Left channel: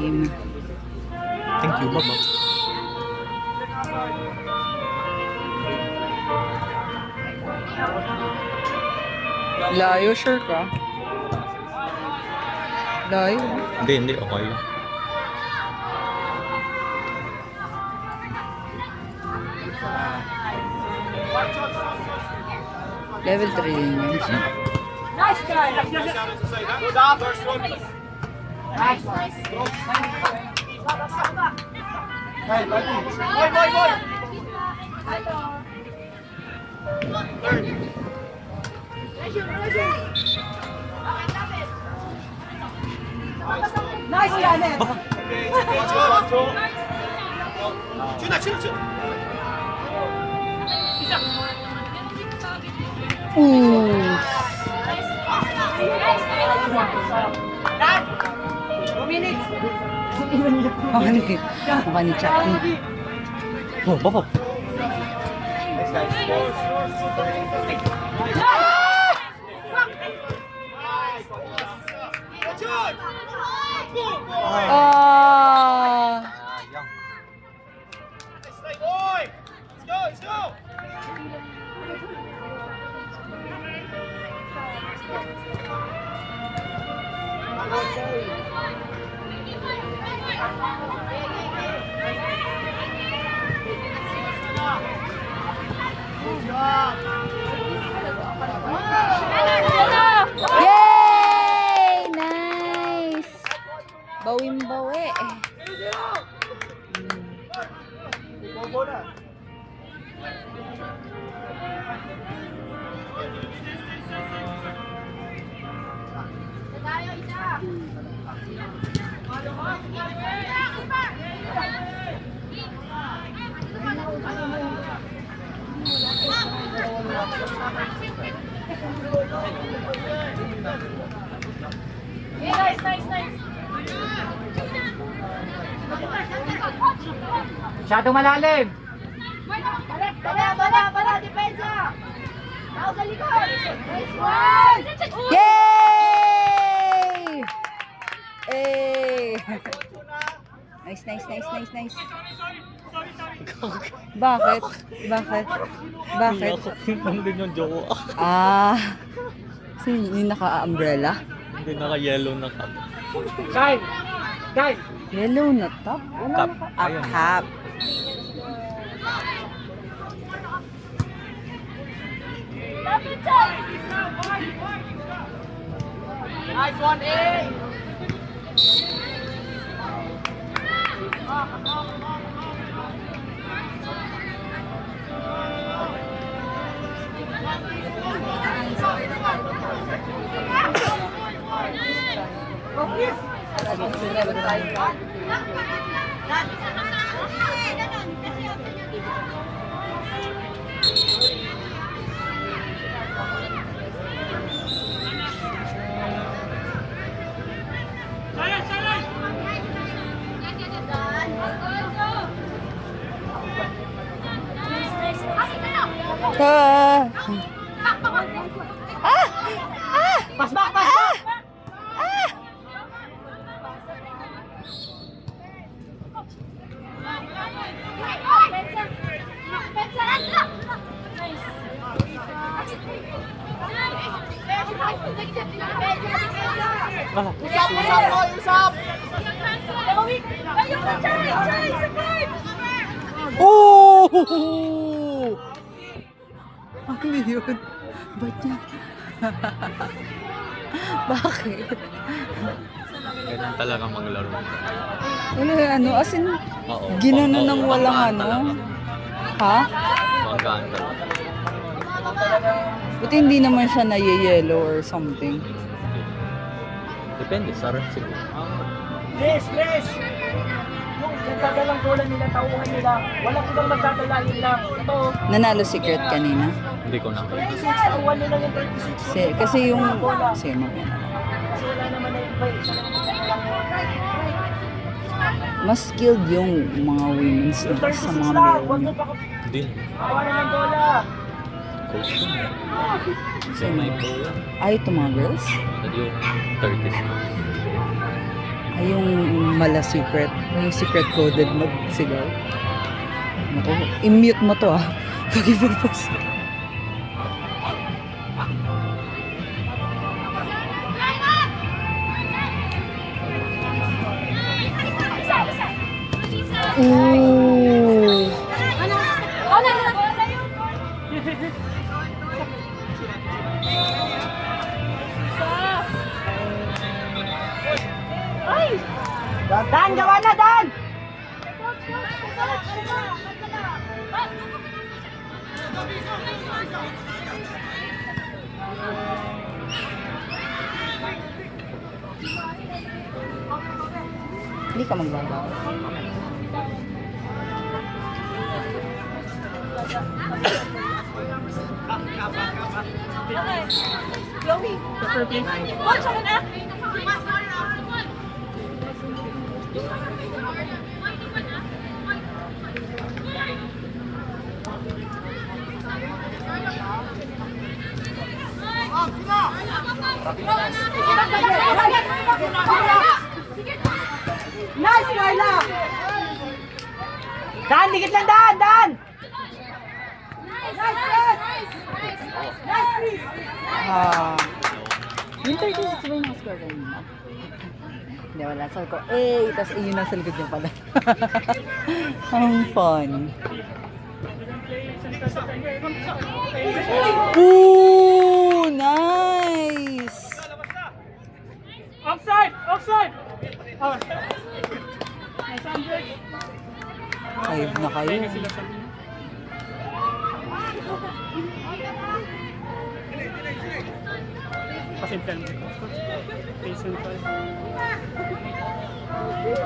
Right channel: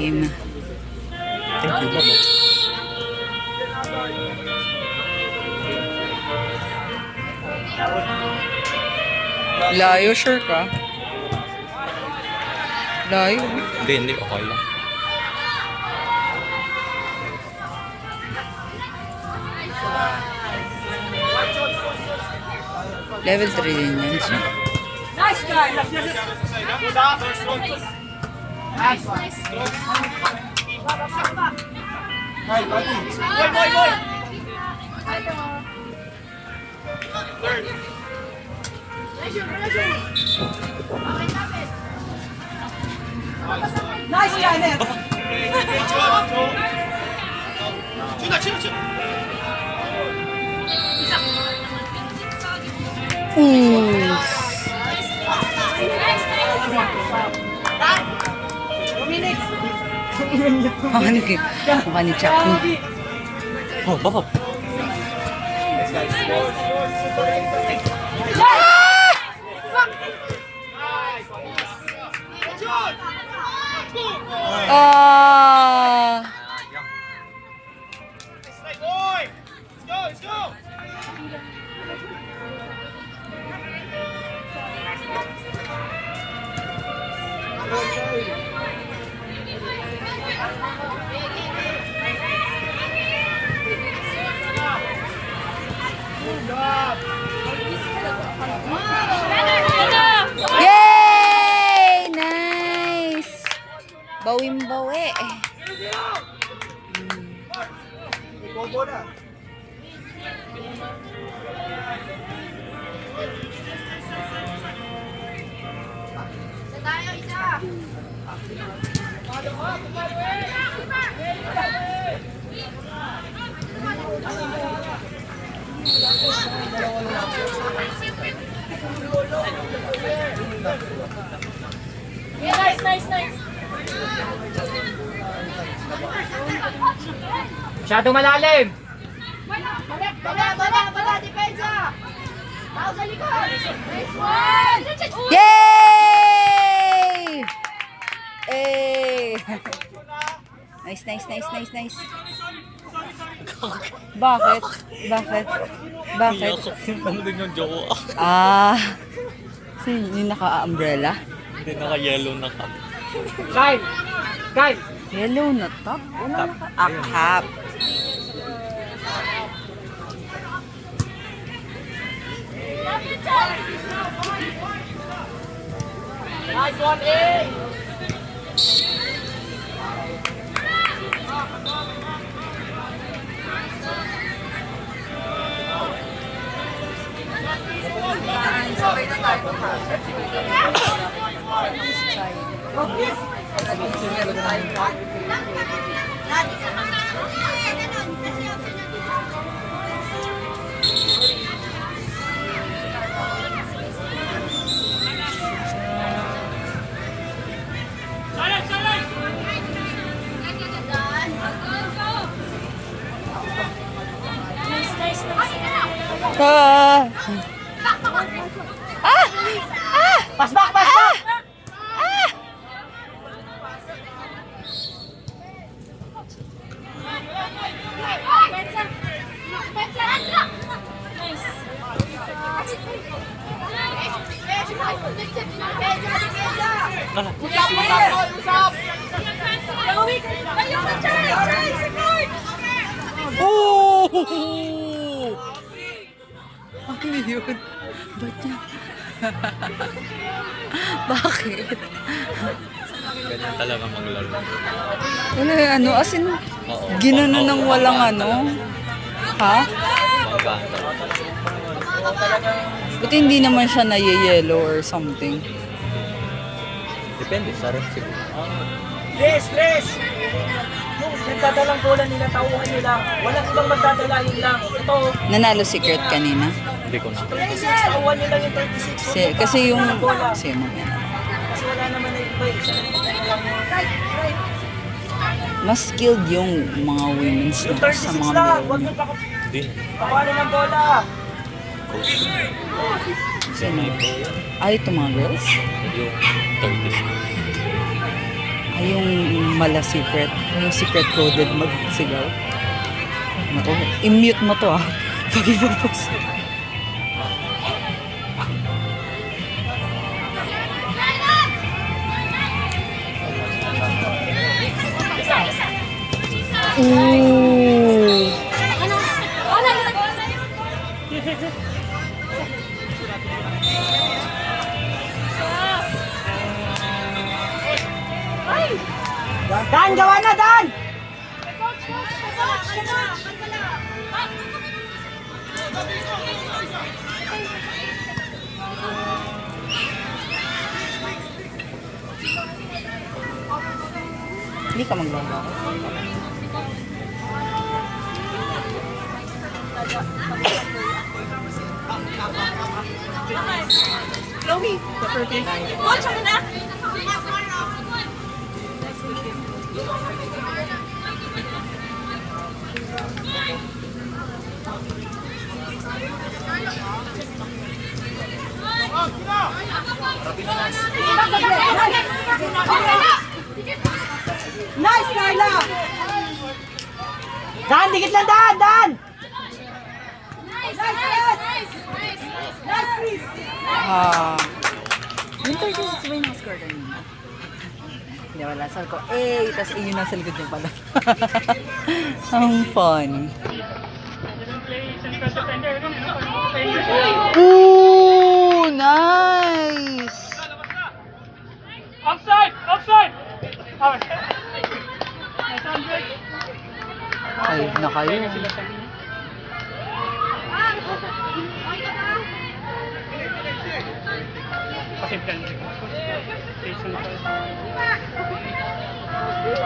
Game na. Thank you, Baba. Layo, sure ka? Layo. Hindi. Okay lang. Level 3 din yan siya. Nice guy. Nice guy, man. Ooh. Mukha ni Chucky. Oh, Baba. Ah. Yay! Nice! Bawim-bawi. Nice. Masyadong malalim. Bala, depensa. Tao sa likod. Yay! Eh. Nice. Bakit? Ano din yung jowa? Ah. Sino yung naka-umbrella? Hindi naka-yellow na cup. Kyle. Yellow na top? Wala Cap. naka... Ah, cap. Nice one, A. Ah! Pass back. Oh! Ano yun? Ba't yun? Bakit? Ganyan talaga maglaro. Wala ano, as in, Oo. ginano ng walang ano. Ha? Maganda. Buti hindi naman siya na-yellow or something. Depende, sarap siguro. Les! Yung nagdadalang bola nila, tauhan nila. Walang ibang magdadala, yun lang. Ito, Nanalo si Kurt kanina. Hindi ko na. 36, tauhan nila yung 36. Kasi yung... Kasi mamaya na lang. Kasi wala naman na iba. Isa lang Mas skilled yung mga women's yung na sa 36 mga lang, huwag men. mo Hindi. pakuhanin ng bola. Coach. Sino? Ay, ito mga girls? Yung 36. Ay, yung mala secret. Yung secret coded magsigaw. Naku, i-mute mo to ah. Pag-ipapos. Ooh. Dan, gawa na, Dan! Hindi ka maglalaw. Nice, Carla! Dan, dikit lang, Dan! Dan! Nice, yes! Nice, please! Yung 36 ba yung score kanina? Hindi, wala. Sabi ko, eh, tapos yun nasa likod niya pala. Ang fun. Ooh, nice! Offside! Offside! Five na kayo.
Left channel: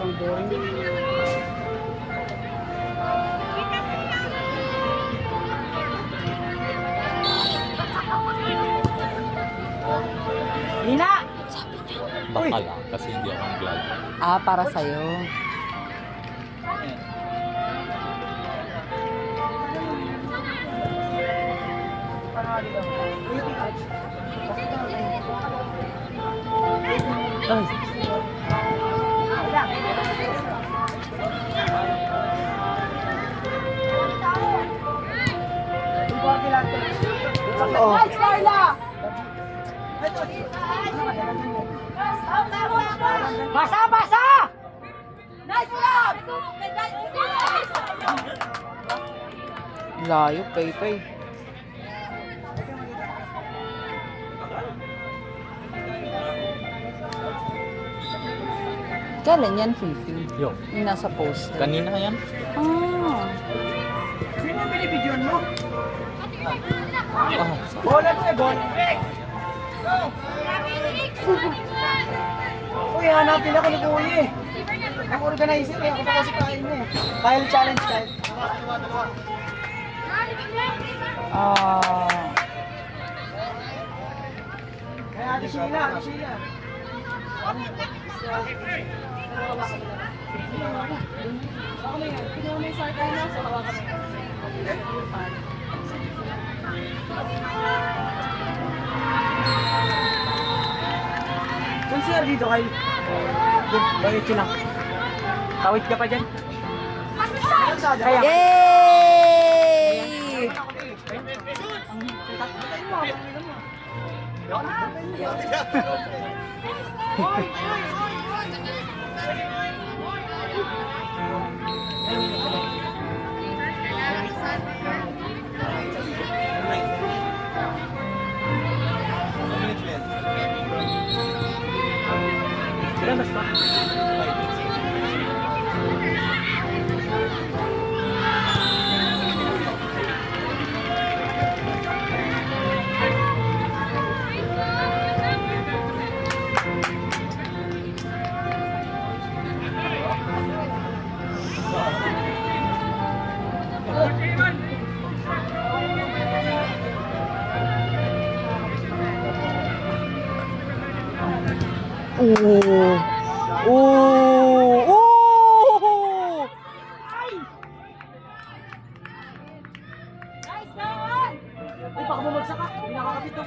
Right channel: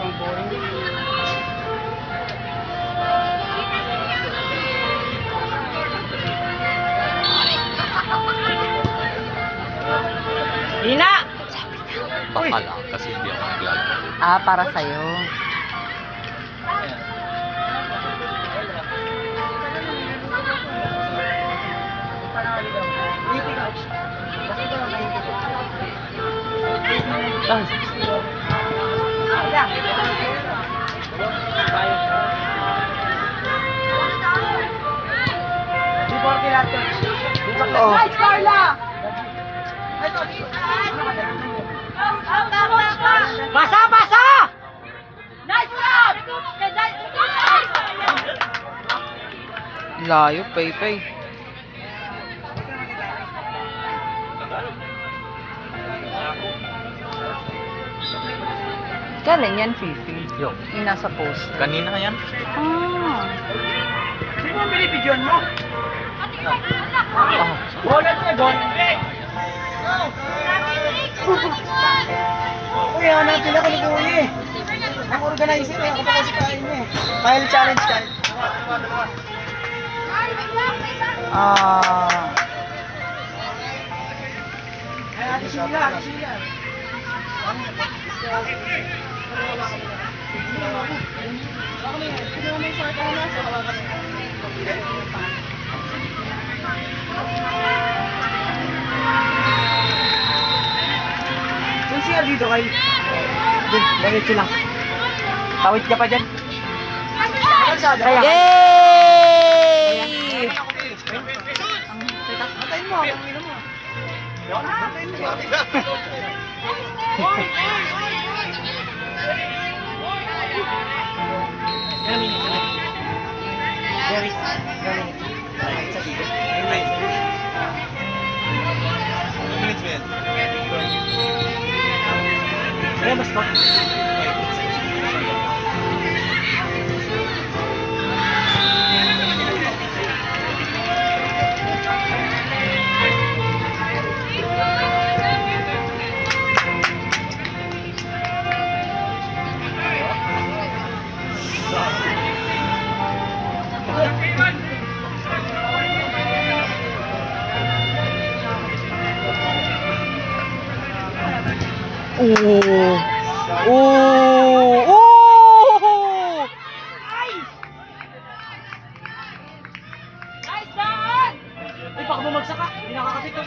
Ang boring. Ina! Baka lang kasi hindi ako naglalaro. Ah, para sa'yo. Oh. Nice, Carla! Basa, basa! Nice job! Layo, pay-pay. Kailan yan, Fifi? Yung, Yung nasa post. kanina yan? Ah. Sino ang binibidyon mo? Oh, Bola to, bola. Uy, hanapin ako ni Buli. Ang organizer, ako pa kasi kain niya. Kyle challenge, Kyle. Ah. Ay, Ate Sheila, Ate Sheila. Saan siya dito, Kyle? Dun, diretso lang. Tawid ka pa dyan. Kaya. Yay! Ayan, mas pa. Oh. Oh. Oh. Nice, Dan! Uy, baka bumagsak ka. Hindi nakakapit to.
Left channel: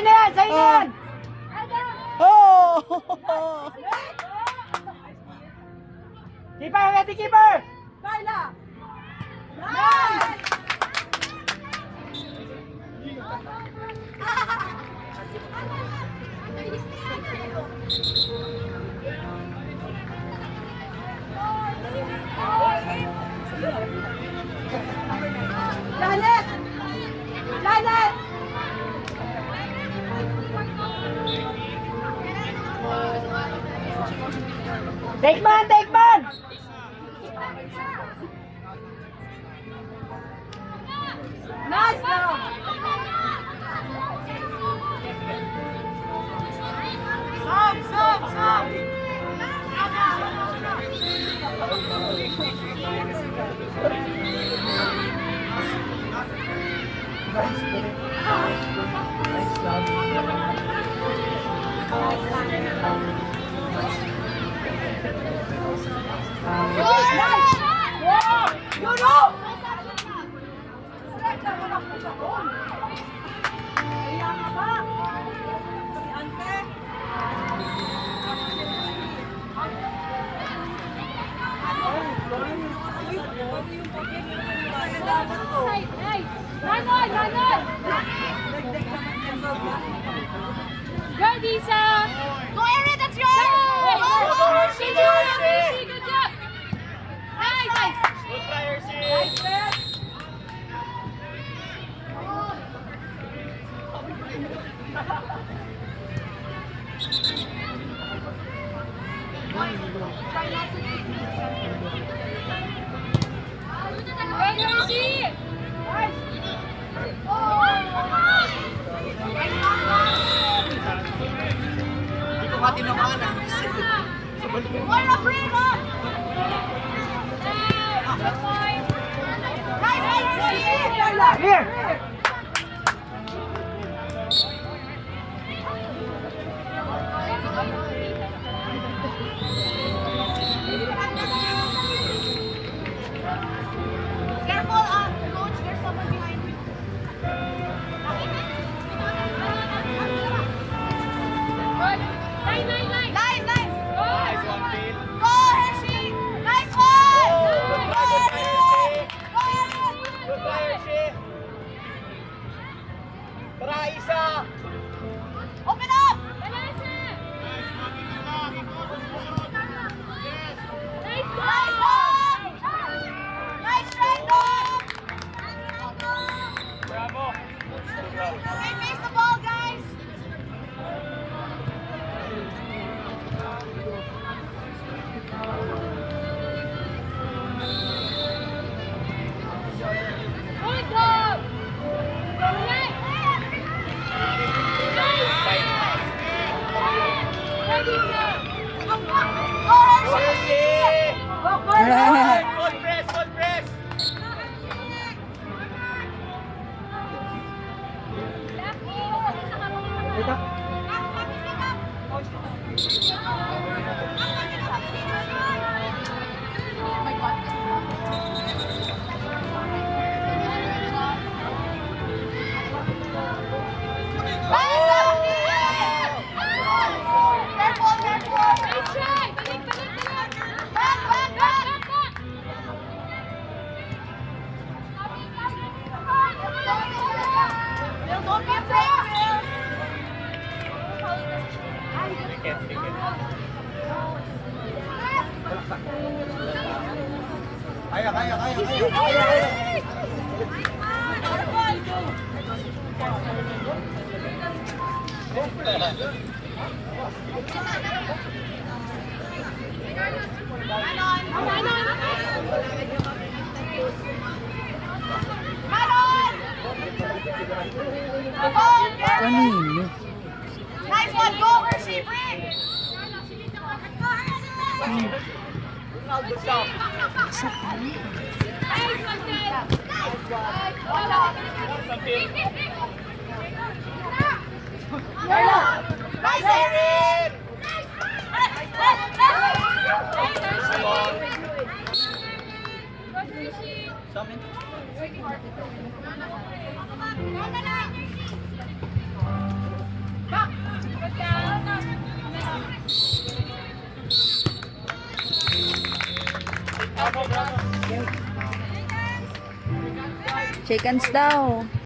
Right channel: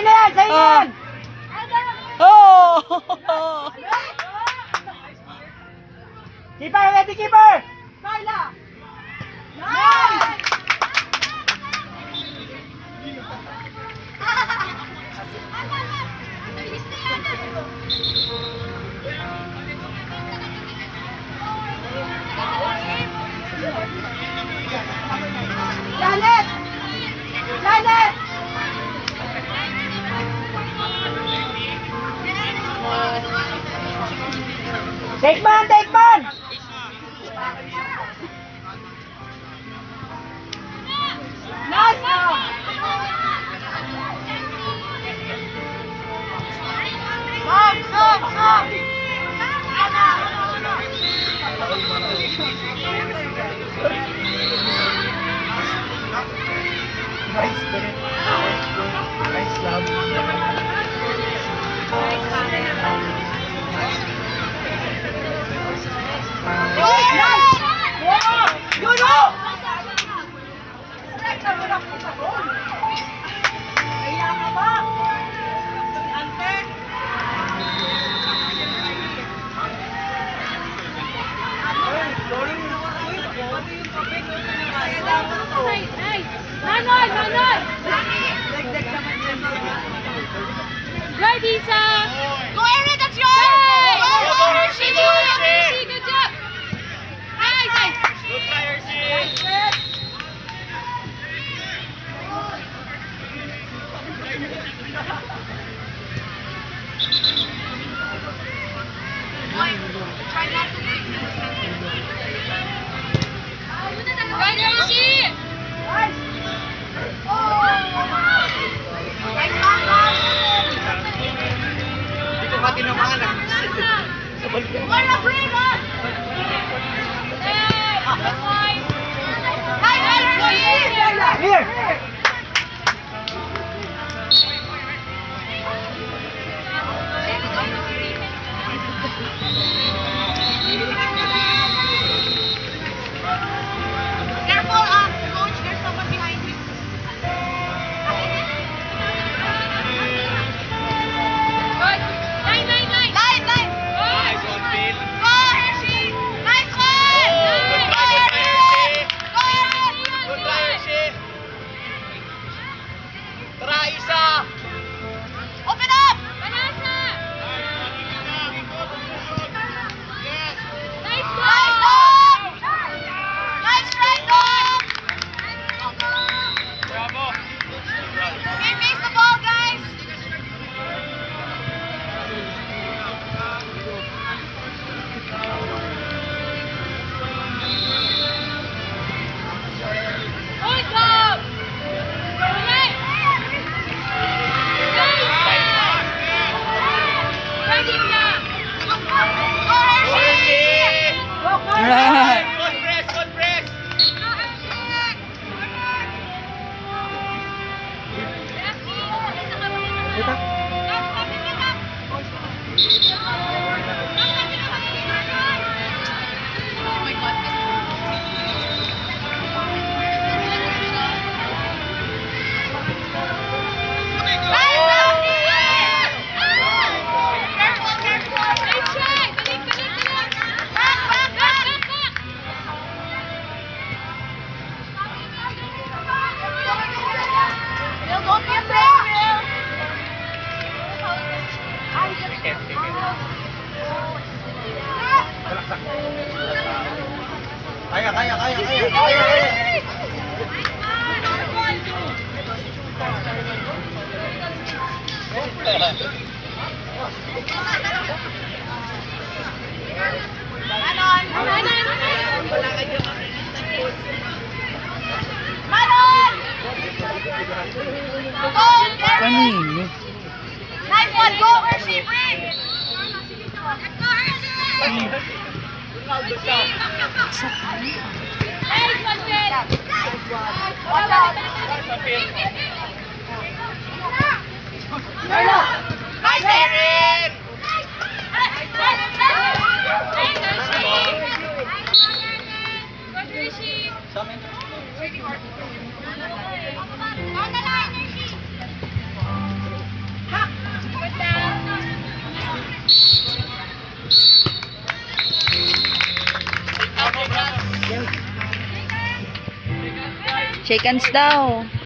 Sa'yo na yan! Sa'yo na yan! Oh! Keeper! Ready, keeper! Lanet! Lanet! Take man! Take man! Nice now! Ready, Isa! Go Aaron, that's yours! Go Hershey! Hershey, good job! Nice, nice! Good try, Hershey! Ready, Hershey! Wala, breather! Nice, Hershey! Here! Careful, coach, there's someone behind you. Good! Line, line, line! Line, line! Nice one, Phil. Go, Hershey! Nice one! Good Go, try, Aaron! Hershey. Go, Aaron! Good try, Hershey. Tara, Isa! Open up! Banasa! Nice go! Nice dog! Nice try, dog! Bravo! Okay, face the ball, guys! Good job! Correct! Nice! Ready, Isa! Go, Hershey! Right. Good press, good press! Careful, careful! Nice try! Balik, balik, balik! Back, back, back! Back, back! Bill, don't be afraid, Bill! Kaya, kaya, kaya, kaya! Manon! Manon! Go, Gary! Kanino? Nice one, go, Hershey, bring! Let's go, Hershey! Nice one, Fred! Nice, Erin! Nice, Hershey! Good, Hershey! Down the line, Hershey! Shake hands daw.